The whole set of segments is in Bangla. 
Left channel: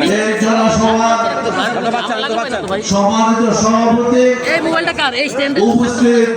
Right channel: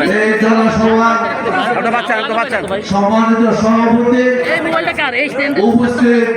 এই সম্মানিত সভাপতি উপস্থিত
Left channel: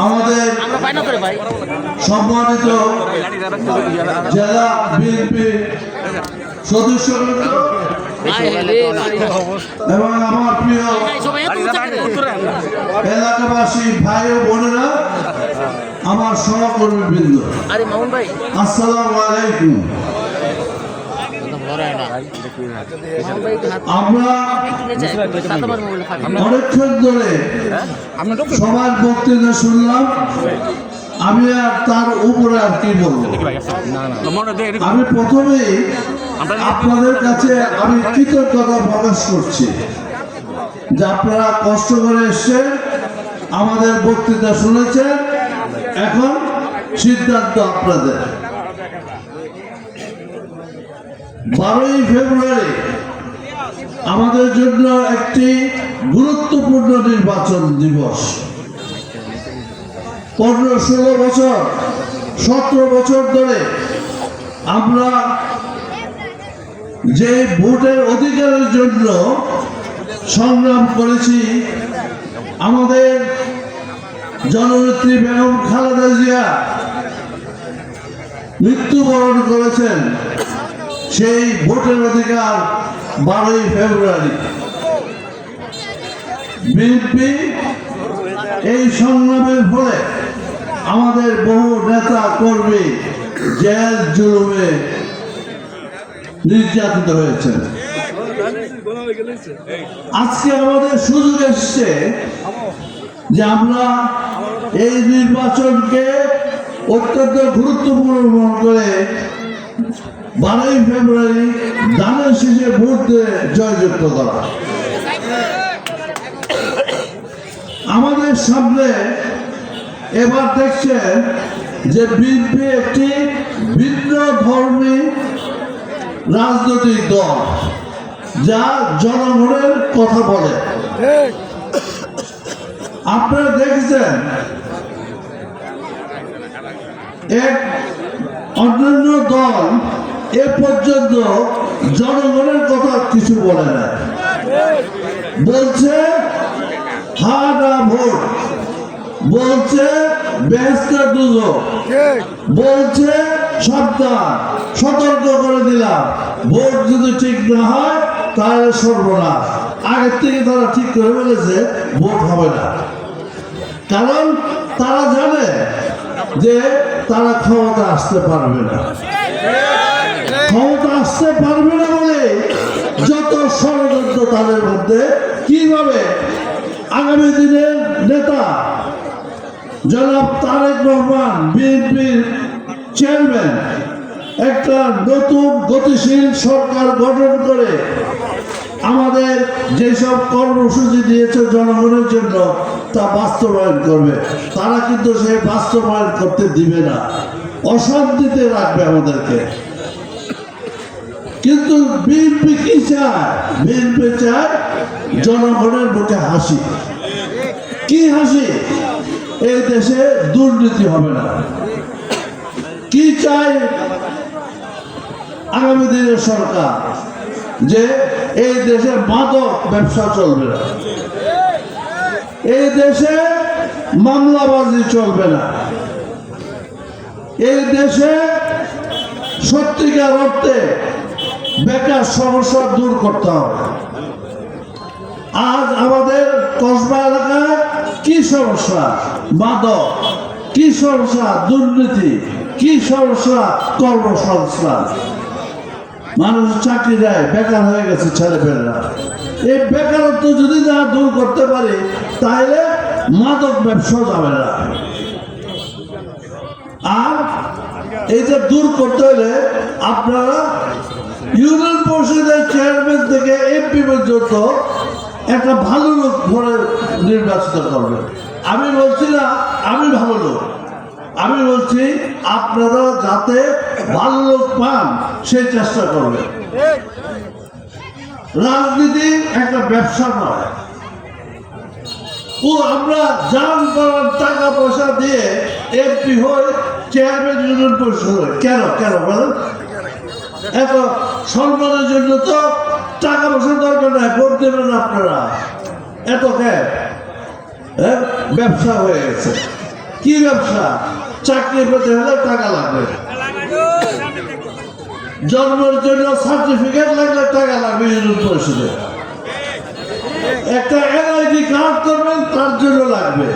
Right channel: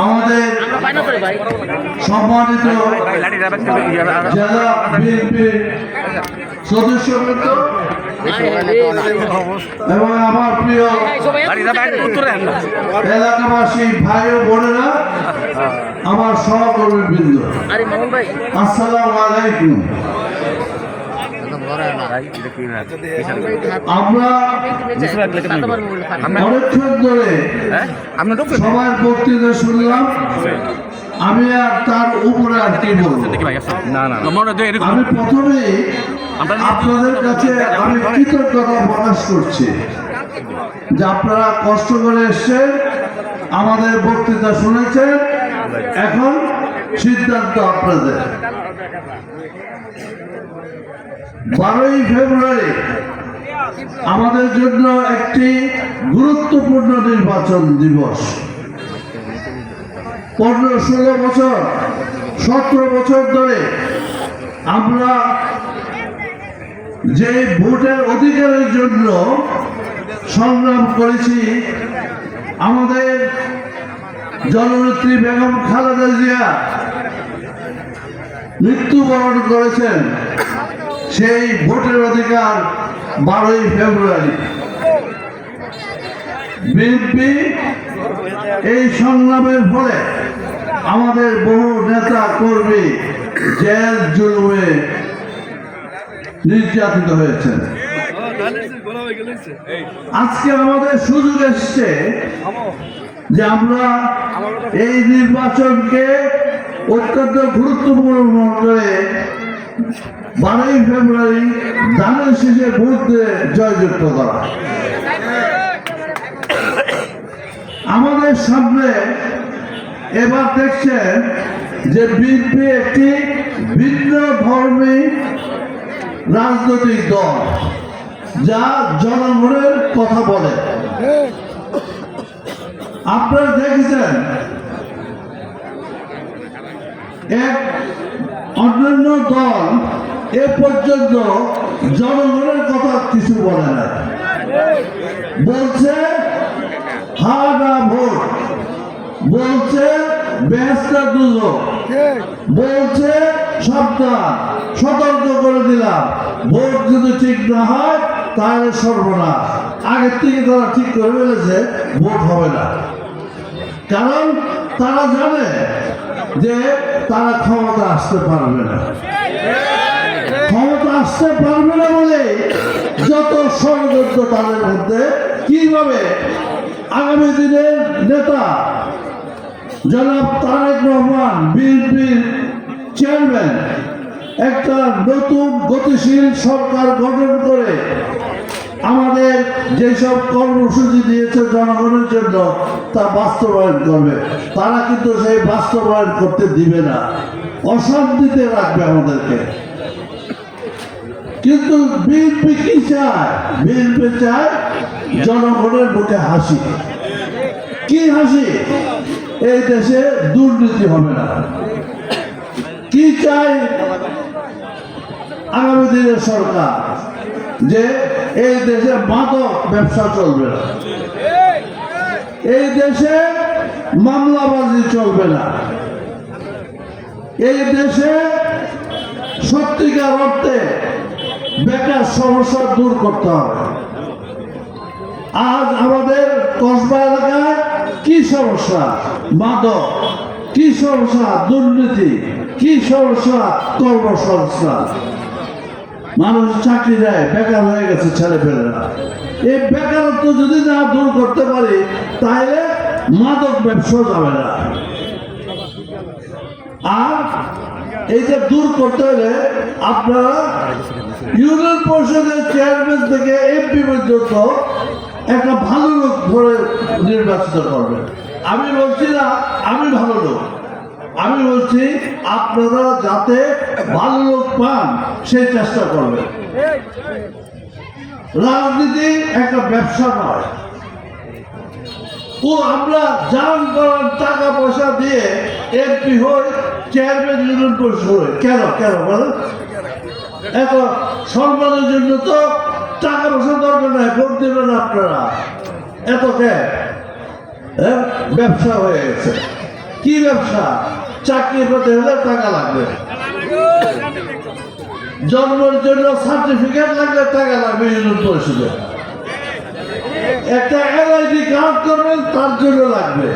আমাদের জেলা বিএনপি সদস্যবৃন্দ এবং আমার প্রিয় এলাকাবাসী ভাই ও বোনেরা আমার সহকর্মী বৃন্দ মামুন আলাইকুম। আমরা সবার বক্তৃতা শুনলাম। আমি আর তার উপরে আর কি বলব? আমি প্রথমেই আপনাদের কাছে আমি কৃতজ্ঞতা প্রকাশ করছি যে আপনারা কষ্ট করে এসছেন আমাদের বক্তৃতা শুনেছেন। এখন সিদ্ধান্ত আপনাদের। বারোই ফেব্রুয়ারি আমাদের জন্য একটি গুরুত্বপূর্ণ নির্বাচন দিবস। পনেরো, ষোলো বছর, সতেরো বছর ধরে আমরা যে ভোটের অধিকারের জন্য সংগ্রাম করেছি, আমাদের জননেত্রী বেগম খালেদা জিয়া মৃত্যুবরণ করেছেন। সেই ভোটের অধিকার বারোই ফেব্রুয়ারি। বিএনপি এই সংগ্রামের ফলে আমাদের বহু নেতা কর্মী জেল জুলুমে নির্যাতিত হয়েছেন। আজকে আমাদের সুযোগ এসছে যে আমরা এই নির্বাচনকে অত্যন্ত গুরুত্বপূর্ণ মনে করে বারোই ফেব্রুয়ারি দানের শেষে দিয়ে জয়যুক্ত করা। আমাদের সামনে এবার দেখছেন যে বিএনপি একটি ভিন্ন ধর্মী রাজনৈতিক দল, যা জনগণের কথা বলে। আপনারা দেখেছেন এক অন্যান্য দল এ পর্যন্ত জনগণের কথা কিছু বলে না। বলছে হা না ভোট বলছে ব্যস্ত বলছে, সাবধান, সতর্ক করে দিলাম। ভোট যদি ঠিক না হয়, তাহলে সর্বনাশ আগের থেকে তারা ঠিক করে ফেলেছে, ভোট হবে না। কারণ তারা জানে যে তারা ক্ষমতা আসতে পারবে না। আসতে পারবে না বলে যত ষড়যন্ত্র তাদের মধ্যে, কীভাবে? আগামী দিনের নেতা জনাব তারেক রহমান, বিএনপির চেয়ারম্যান, একটা নতুন গতিশীল সরকার গঠন করে আমাদের যেসব কর্মসূচি দিয়েছে জনগণের জন্য তা বাস্তবায়ন করবে। তারা কিন্তু সেই বাস্তবায়ন করতে দিবে না। অশান্তিতে রাখবে আমাদেরকে। কিন্তু বিএনপি কি চায়? বিএনপি চায় জনগণের মুখে হাসি। কি হাসি? এই দেশে দুর্নীতি হবে না। কি চাই আগামী দিনের সরকার? যে এই দেশে মাদক ব্যবসা চলবে না। এই দেশে মামলাবাজি চলবে না। এই দেশে সত্যিকার অর্থে বেকার সমস্যা দূর করতে হবে। আজ আমাদের কসবা এলাকায় কি সমস্যা? মাদক কি সমস্যা? দুর্নীতি। কি সমস্যা? কর্মসংস্থান। মানুষ চাকরি দেয়, বেকার হয়ে গেছে ছেলে পেলেরা এই বেকারত্ব যদি না দূর করতে পারি, তাহলে মাদক ব্যবসা যাবে না। আর যে দূর করতে হলে আপনারা ইউনিয়ন পরিষদের চেয়ারম্যান থেকে এমপি পর্যন্ত একটা ভালো লোক ধরে নির্বাচিত করবেন আমি বলছি না, আমি ভালো লোক। আমি বলছি আপনারা যাতে ভালো লোক পান সেই চেষ্টা করবেন রাজনীতি একটা ব্যবসা নয়। ও আমরা যান করার টাকা পয়সা দিয়ে এমপি হই চেয়ারম্যান ইউনিয়ন পরিষদ কেন কেন বলেন? এত সম্মানের জন্য তো টাকা পয়সা দরকার নাই, ভোট দেবেন আপনারা। এত? ব্যবসা হয়ে গেছে। কি ব্যবসা? চাকরি পেতে হলে টাকা লাগবে। জন্মের জন্য সার্টিফিকেট লাগলে টাকা লাগবে ইউনিয়ন একটা এনআইডি কার্ড করবেন, তার জন্য লাগবে।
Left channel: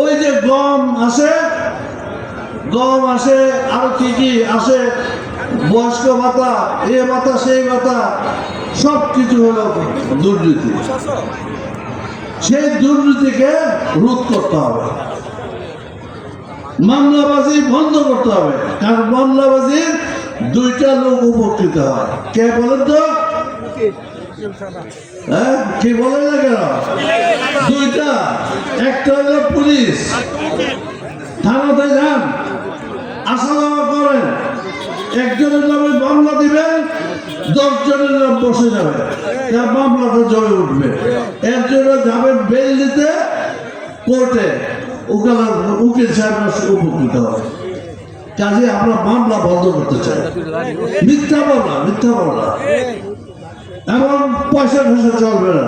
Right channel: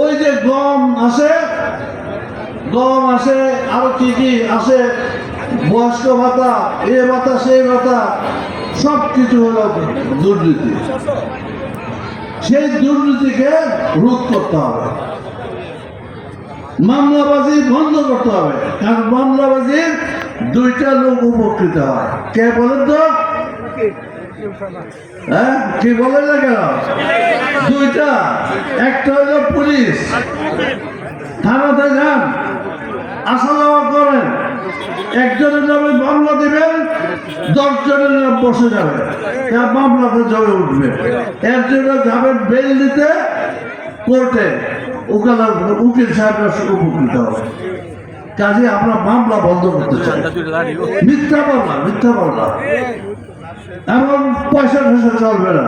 ওই যে গম আসে গম আসে আরও কি কি আসে? বয়স্ক ভাতা, এ ভাতা সেই ভাতা সব কিছু হলো দুর্নীতি। সেই দুর্নীতিকে রোধ করতে হবে। মামলাবাজি বন্ধ করতে হবে। কারণ মামলাবাজির দুইটা লোক উপকৃত হয়। কে বলেন তো? হ্যাঁ কি বলেন না কেন? দুইটা। একটা হলো পুলিশ। থানাতে যান। আসা যাওয়া করেন। একজনের নামে মামলা দিবেন দশ জনের নাম বসে যাবে। তার মামলাটা জমে উঠবে। এর জন্য যাবেন বেল দিতে, কোর্টে। উকিল উকিল সাহেবরা উপকৃত হবে। কাজে আমরা মামলা বন্ধ করতে চাই। মিথ্যা মামলা মিথ্যা মামলা। এমন পয়সা ফসা চলবে না।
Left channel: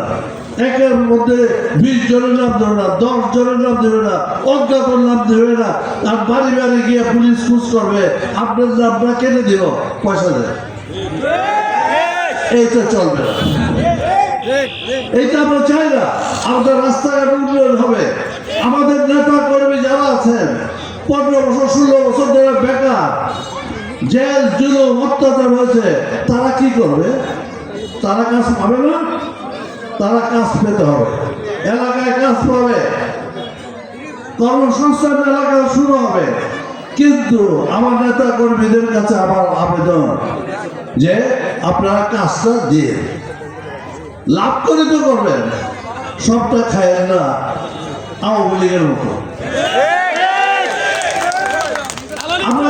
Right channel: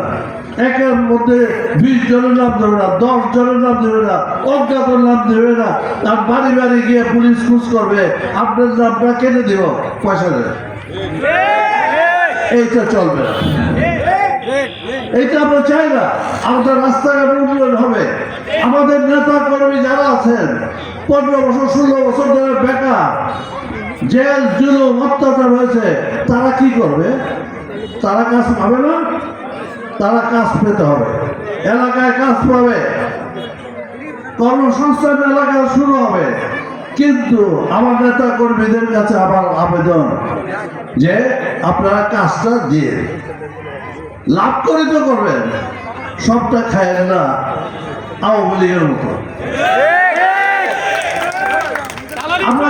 একের মধ্যে বিশ জনের নাম দেবে না, দশ জনের নাম দেবে না অজ্ঞাত নাম দেবে না আর বাড়ি বাড়ি গিয়ে পুলিশ খুঁজ করবে। আপনার নামটা কেটে দিব পয়সা দেয়। এইটা চলবে। না এইটা আমরা চাই না। আমাদের রাস্তাঘাট উন্নয়ন হবে। আমাদের নেতা কর্মী যারা আছেন, পনেরো বছর, ষোলো বছর ধরে বেকার, জেল, জুলুম, অত্যাচার হয়েছে, তারা কি করবে? তারা কাজ পাবে না? তারা কাজ পেতে হবে। এলাকায় কাজ পাবে। কর্মসংস্থান এলাকায় শুরু হবে। কিন্তু আমার নেতা কর্মীদের কাছে আমার আবেদন যে আপনারা কাজটা দিয়ে লাভ করে তো করবেন। সবটা খায়েন না, আওয়ামী লীগের মতো আমরা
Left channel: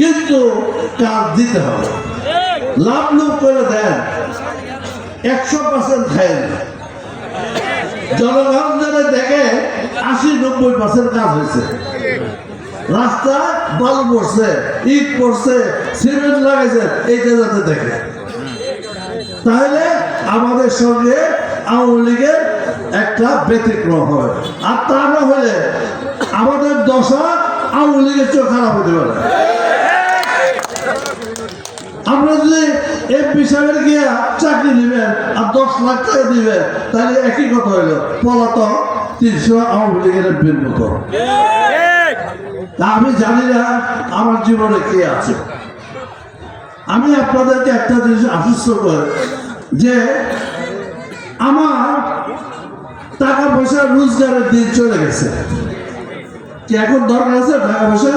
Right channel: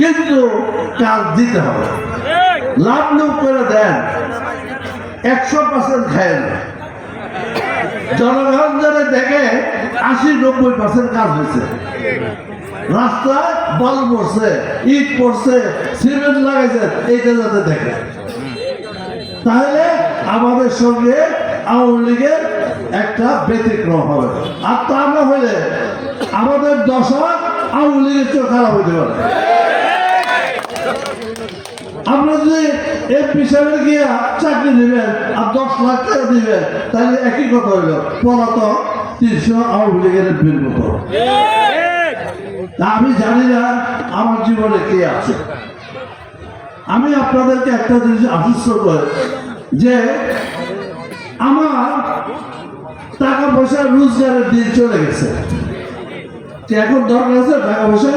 কিন্তু দিতে হবে। লাভ লোভ করে দেন, একশো পার্সেন্ট খায় জনগণ যারা দেখে, আশি, নব্বই পার্সেন্ট কাজ হয়েছে। রাস্তায় বালু পড়ছে, ইট পড়ছে, সিমেন্ট লাগাইছে, এইটা যাতে দেখে। তাহলে আমাদের সঙ্গে আওয়ামী লীগের একটা ব্যতিক্রম হবে। আর তা না হলে আমাদের দশা আওয়ামী লীগের চোখ খারাপ হতে পারে। আমরা যদি এমপি সাহেবের গিয়া চাকরি দিবেন আর দশ লাখ টাকা দিবেন, তাহলে একই কথা হইল, পলাতক তিনশো আওয়ামী লীগের এমপির মতো আমি জানি না আমার জীবনে কে আছে। আমি আপনাদেরকে একটা জিনিস আশ্বস্ত করি যে আমার টাকা পয়সা রোজগারের দিন চলে গেছে। কি এখন দরকার আছে টাকা পয়সা?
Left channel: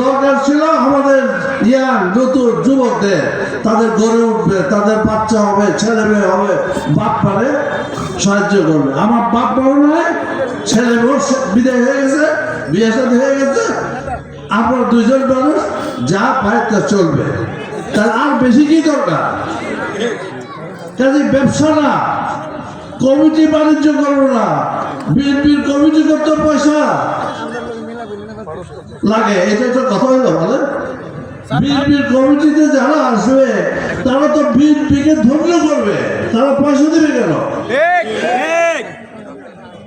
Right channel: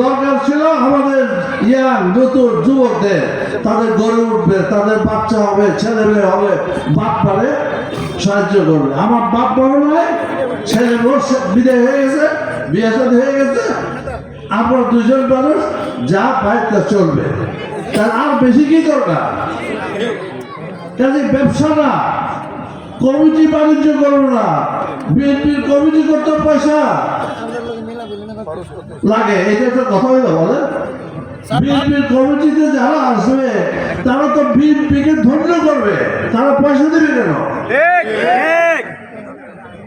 দরকার ছিল আমাদের ইয়াং নতুন যুবকদের, তাদের গড়ে উঠবে, তাদের বাচ্চা হবে, ছেলে মেয়ে হবে, বাপ পারে সাহায্য করবে। আমার বাপ পারে নয় ছেলে মেয়ে বিদায় হয়ে গেছে, বিয়ে সাথে হয়ে গেছে, আমরা দুজন মানুষ যা পায় তা চলবে। তার আর বেশি কি দরকার? কাজে ব্যবসা না। কমিটি বাণিজ্য করব না। বিএনপির কমিটি করতে পয়সা লাগে এটা তো কথা হলো বলে। বিএনপির কমিটিতে যারা আসবে তারা তো বিএনপিকে ধন্য করবে। তারা পয়সা দেবে কেন?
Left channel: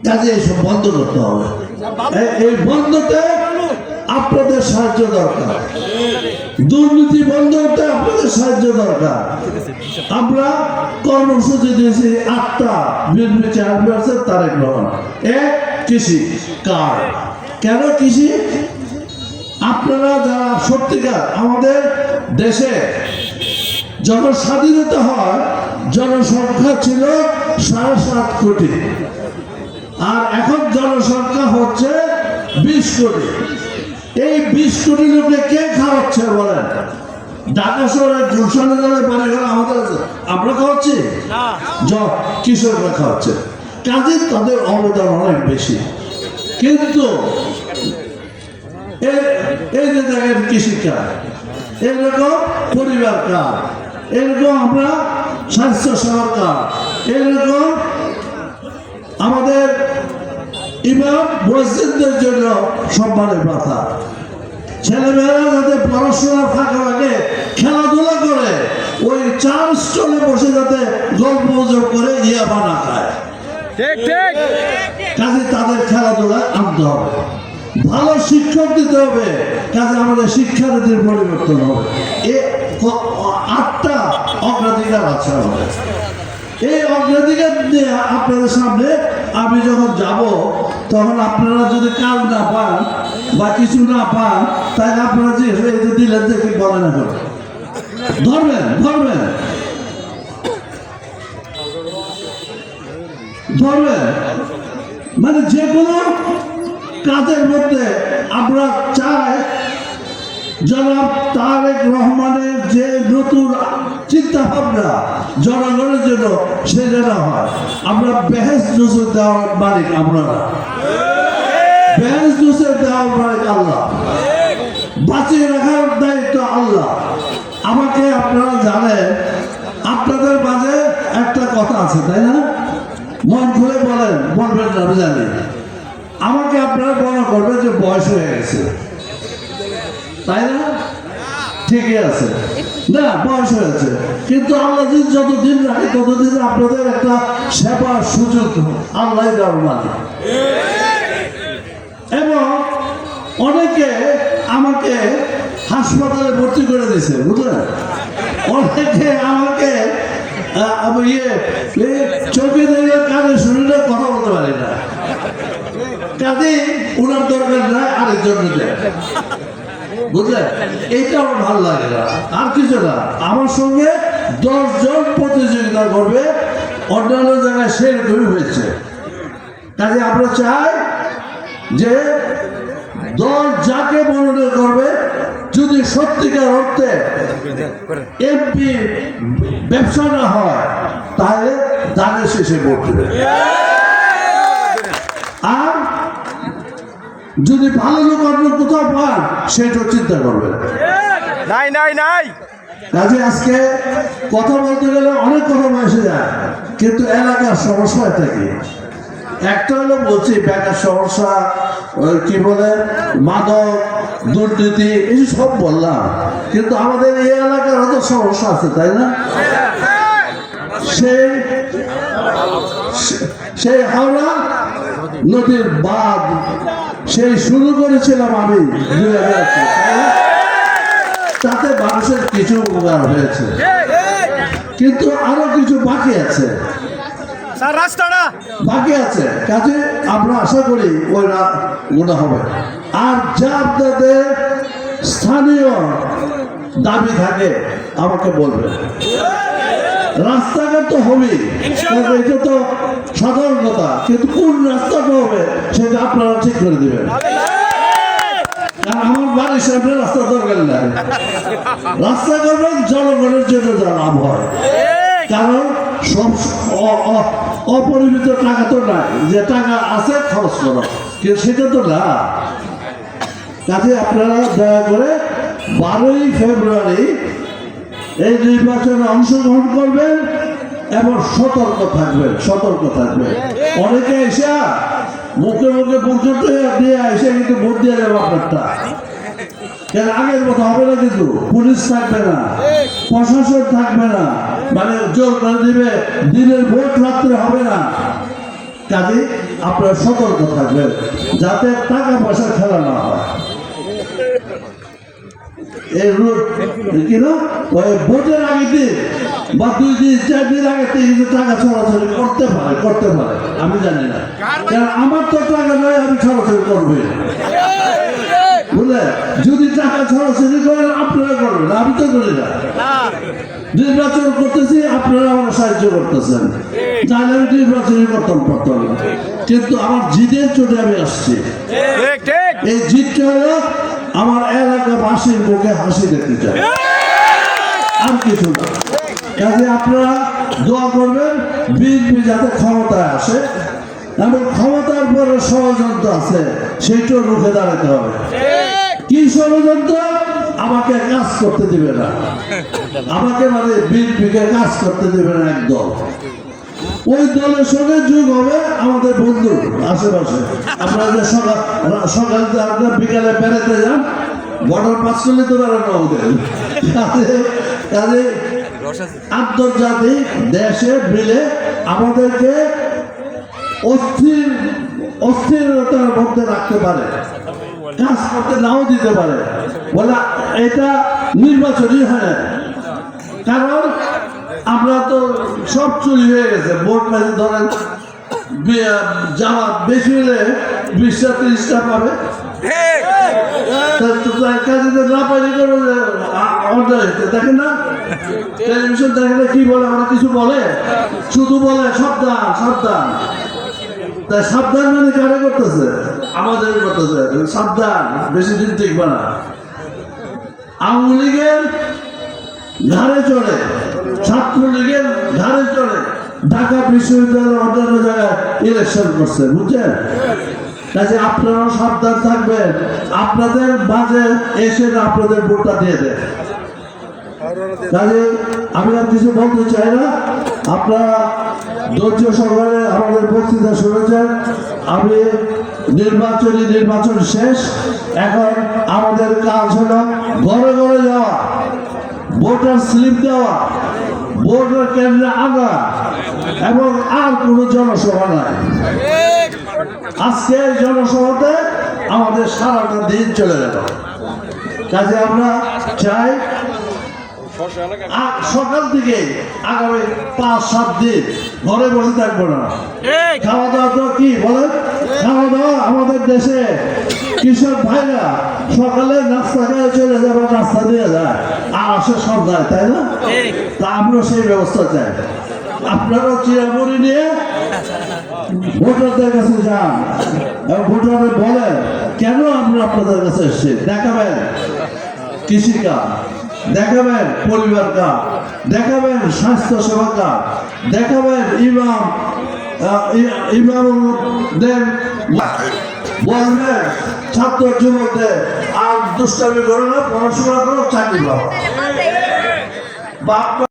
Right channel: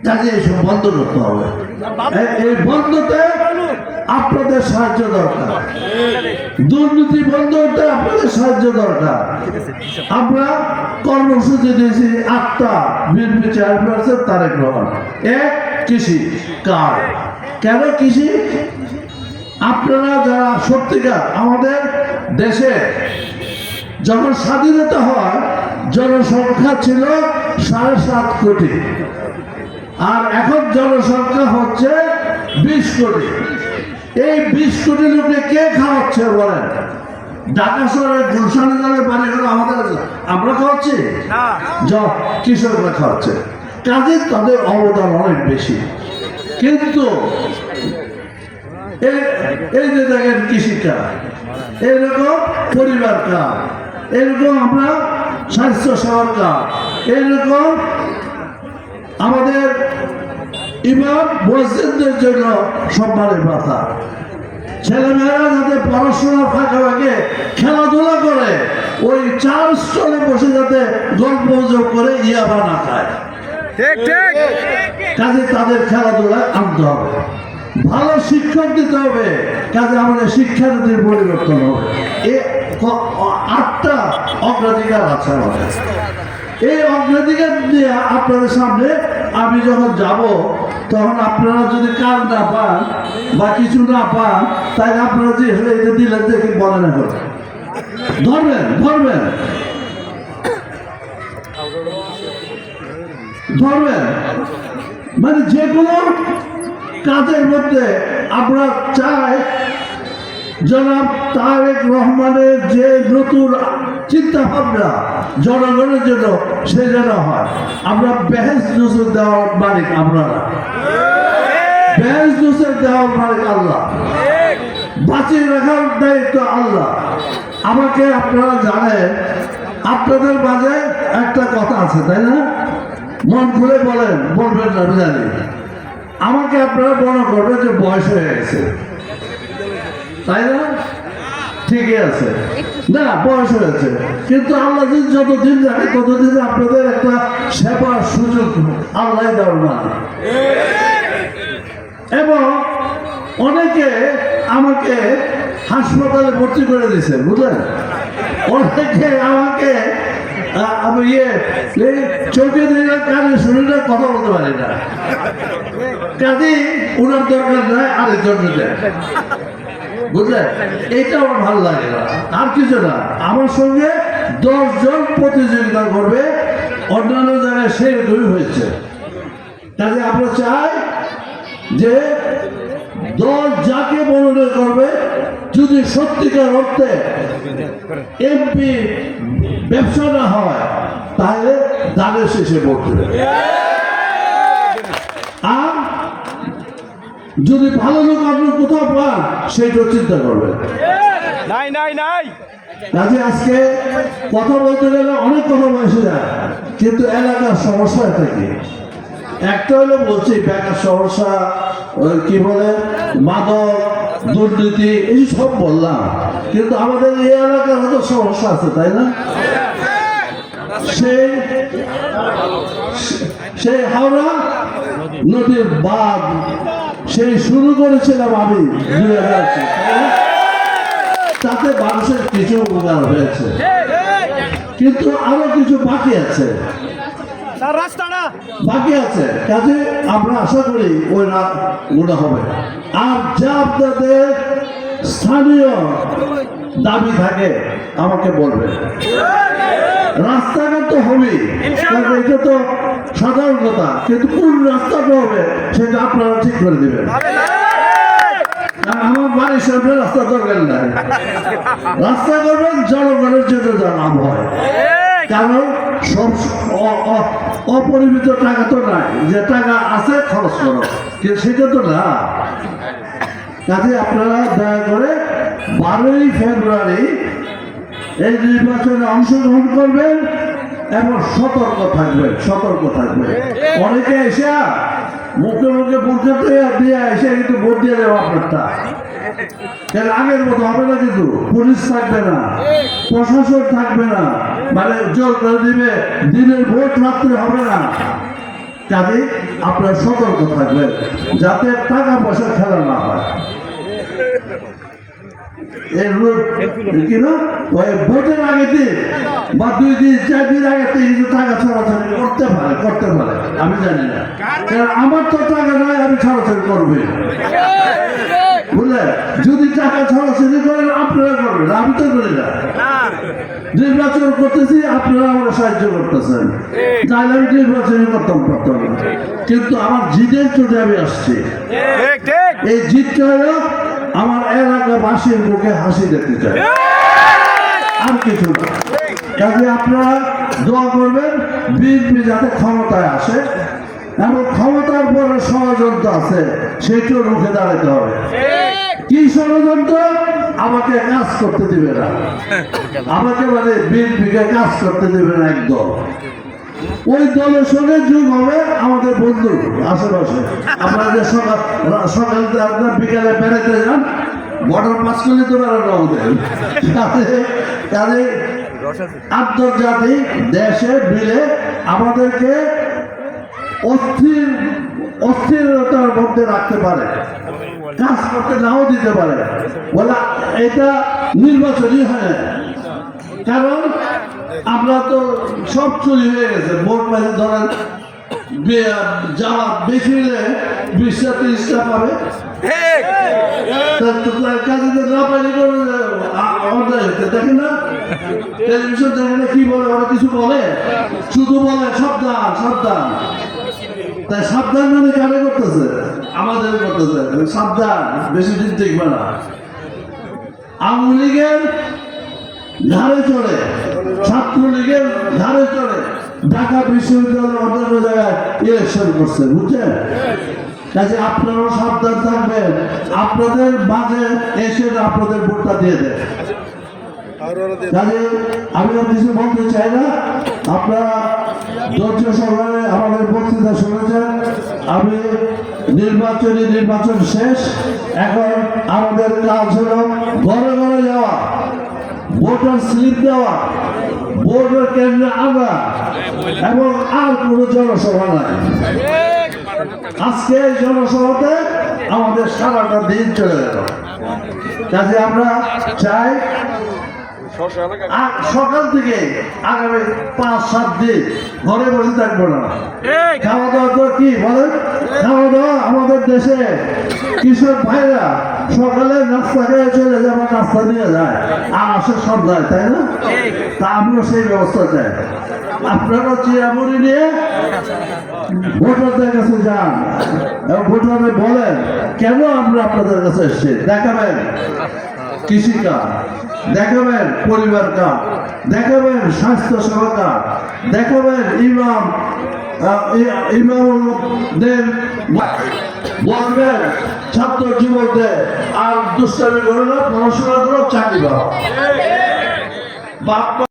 কাজে এইসব বন্ধ করতে হবে। এই বন্ধতে আপনাদের সাহায্য দরকার। দুর্নীতি বন্ধ করতে আপনাদের সাহায্য দরকার। আমরা কর্মসূচি দিয়েছি, আটটা বিএনপি চেয়ারপারসন তারেক রহমান। এক, কৃষি। কার? কেন কৃষি? আপনারা যারা সত্যিকার আমাদের দেশে যখন স্বাধীনতা হয়, জনসংখ্যা ছিল সাড়ে সাত কোটি। আর এখন জনসংখ্যা হচ্ছে বিশ কোটি। এই বিশ কোটি লোকে কে খাওয়াচ্ছে বলেন? ঢাকা শহরের গুলশানে যারা বাড়ি ঘর আমাদের আমরা খাওয়াচ্ছি? কৃষকরা খাওয়াচ্ছে। কাজে তাদের অবদান অনেক বেশি। কিন্তু এই যে দেখেন কৃষিকাজ এরকম পরিবার কাজ এরকম আমরা স্বাস্থ্য সেবার কাজ এরকম আমাদের ইমাম মসজিদদের জন্য সম্মানের কথা ছেলেমেয়েরা যাতে পড়াশোনার ফাঁকে ফাঁকে খেলাধুলা করে ওই চার স্টলে বসে যাতে গল্প করে ইয়া বানা খায়। কাজে তাদের খেলাধুলায় আনতে হবে। ভালো শিক্ষক দিতে হবে কাজে আমাদের শিক্ষানীতির পরিবর্তন হবে। এ আটটা অগ্রাধিকার আছে আমাদের। এই অগ্রাধিকার নিয়ে আপনাদের সামনে আমি যখন যাব তখন আপনারা যদি কাজ না পান বা কিছু না পান, তাহলে আপনারা যে এই যে দিলেন যে কি বলেন এখন? ধরবেন ধরবেন। ধরবেন। মানে যে কোনো কাজের মধ্যে আমরা চাই, জনাব তারেক রহমানের যে নতুন চিন্তা ভাবনা জনগণের জন্য সে যেন হয়। আমরা বেহেস জুসুর দেওয়ার মালিক আপনারা বেহেস জুসের দেওয়ার মালিক আল্লাহ। বাঁচিয়ে রাখার দায়িত্ব আল্লাহ। আমাকে আপনারা জানেন, আপনাদের মাঝে একটা কথা আছে, তাই না? মন খুলে বলেন, বলবেন না, আমি জানি। আমাকে আপনারা মনে করবেন যে বয়স হয়ে গেছে। তাই না? ঠিকই আছে। না, বয়স হয়েছে। কিন্তু আল্লাহ যতদিন রাখে ততদিন আপনাদের একটা সেবার সুযোগ আল্লাহ দেওয়ার এবং অনেকে আমাকে হাসপাতালে ভর্তি করে দিয়েছে, বুঝলেন? অনেকে আমাকে ইয়ে চোখে দেখে কানে শুনিলে কথা বলতে পারি না। কাজে ওনার দরকার নাই আরেকজন দেয়। বুঝলেন? এইটা আমার ভালো লাগে না। আর কিছু না। আমার সঙ্গে দশ জন প্রতিযোগিতা করবে। অন্যান্য জায়গায় সেরকমই হয়েছে। কাজে আমরা চাই যে দল যাকে মনোনয়ন করবে যদি সত্যিকার অর্থে এমপি ব্যবসা না হয় তাহলে দানের শেষে ভোট দেবে। আর যদি ভালো লোক আপনি কোথাও পান সেটা চিন্তা করবেন নাই নাই নাই। কাজে আজকে কথা বলতে গেলে অনেক কথা বসে যায় কিন্তু এলাকার সমস্যা এটা কি একটা হলো বলছি বেকার সমস্যা কি বলে মাদক দুর্নীতি এই সব বললাম। কিন্তু আমাদের এই এলাকার হয়তো সমস্যা আছে তাই না? সেই সেই হাওড়া নদীর বাঁধ সেই শুরু করেছিলাম আমি দুই তাতে মানুষের কিছু উপকার হয়েছে। কিন্তু আরও কিছু বাকি আছে। রাস্তাটা বাকি আছে। কাজে আমরা আশা করি ওই গুণা হবে। আর যা আপনাদের স্থানীয় দাবি থাকে আমাকে বলবেন। রাস্তাঘাট তো কারণ এটা তো সাধারণ কথা কিন্তু কোন রাস্তাটা হবে সেটা আপনারা ঠিক করে দিবেন। আমার বাড়ির সামনে রাস্তা দরকার নাই। রাস্তা করবেন জনগণের জন্য যা হয়। কারণ সব অপরিমিত টাকা তো নাই। যে টাকা আছে খরচ করো। কিন্তু সেটা তো না। কাজে আপনারা দয়া করে বারোই ফেব্রুয়ারি এই নির্বাচনে অংশগ্রহণ করবেন এবং সতর্ক থাকবেন সতর্ক থাকবেন। অনেকে এসে মুখে মুখে বুঝতে দিয়ে এসে কিন্তু ভোট দিয়ে দেবো আপনারটা আগের মতো হবে না কিন্তু, পুলিশ থাকবে না, প্রশাসন থাকবে না মানে জোর করে দিবে, দিনের ভোট রাত্রে হবে না। কাজে আপনারা সতর্ক থাকবেন, যাতে টাকা পয়সা খেলা না হয়। এই রোড কি ওই ভোটের আগে দিন বা দুই দিন চার দিন আগে কিন্তু টাকা ছড়াছড়ি করতে পারে করতে পারে আমি জানি না। কারণ আমার তো টাকা নয় আমি ছড়াছড়ি করবই না। যদি টাকা ছড়াছড়ি করেন আপনারা করবেন আমি তো করি না। নির্বাচন করতেছি আপনারা আমার সাহায্য করতেছেন। তাহলে আমি নির্বাচনই করতাম পারতাম কিন্তু আমার জিদের চোটে আমি আসছি। এই জিতটা হলো আমার এলাকাবাসীর মুখে হাসি দেখতে চাই। আর কিছু না। কাজে আপনারা দোয়া করবেন বিএনপি যাতে ক্ষমতায় আসে এবং ক্ষমতার পরে ষড়যন্ত্র আছে সেইটাও রুখে দাঁড়াতে হবে। কি ষড়যন্ত্র? আমাকে কাজ করতে দিবে না। আমাকে মানে বিএনপিকে কাজ করতে দেবে না একদল। ওই দলের সঙ্গে যোগ হবে আমাদের বন্ধু আশেপাশে। আপনারা যে সকাল সকাল আপনার বিকালে বেড়াতে যান, বর্ডার পাস করলে তো বেড়ানো ওদের কাজে আন্তর্জাতিক দেশে মিলে আমাদেরকে অস্থির, অস্থিরতার মধ্যে রাখতে পারে। কাজ করতে নাও দিতে পারে। বলে, এটা নির্বাচনই হয় কারণ আমরা তো সব চুরি হয়ে গেছে। ভোট কাছে ধরেন জামাত বেশি হলে বিশটা ত্রিশটা পাবে। শুধু সাবধান সাবধান। তাই সাবধান মানে কারে করতেছে? আমাদের করতেছে। সাবধান, বেশি দিন দেখবে না। আওয়ামী ঘাড়ে চড়ে। ছাত্রলীগের ঘাড়ে চড়ে ঢাকা বিশ্ববিদ্যালয়ের অন্যান্য জায়গায় ইলেকশন করছে, বুঝছেন? কাজে আপনারাও সাবধান থাকবেন। আপনাদের মাঝে এসে আপনাদের ভোটটা দিয়ে দেন। কাজে আমি আর কিছু বলতে চাই না। আপনারা ধৈর্য সহকারে আমাদের বক্তৃতা শুনেছেন। আমি নির্বাচনী নির্বাচন শেষ। এখন আমাদের কাজ হলো ঘরে ঘরে যাওয়া, ভোটার স্লিপ দেওয়া। ভোটার কেন্দ্রে আনা এবং আর কোনো জনসভা নাই। আজকে এই জনসভাতে আমাদের সারাটা দিন চলে গেল। কাজে আমরা চাই সকাল থেকে আগামী পাঁচ সাত দিন ঘরে বসে থাকব না। খাওয়া দাওয়া তো কি বলেন? খাওয়া দাওয়া আমাদের দেশে কৃষক ভাইরা সকালে নাস্তা খেয়ে চলে যাবে, নাস্তা নিয়ে যায়। আর আসে যায় তাই না? তা আমরা সেই ব্যবস্থা চাই। আপনারা চিরামুড়ি নিয়ে ভোটারদের কাছে যান, এবং ভোটাররা বলেন কেন আমরা আপনাদের কাছে এসেছি? দেখাবেন কৃষিকাজ দেখাবেন পরিবার কার্ড দেখাবেন স্বাস্থ্য সেবা কার্ড দেখাবেন ইমাম ইমামদের বলবেন ছাত্র যুবকদের আর দুষ্টামি করো না পড়াশোনা করো চাকরি পাও।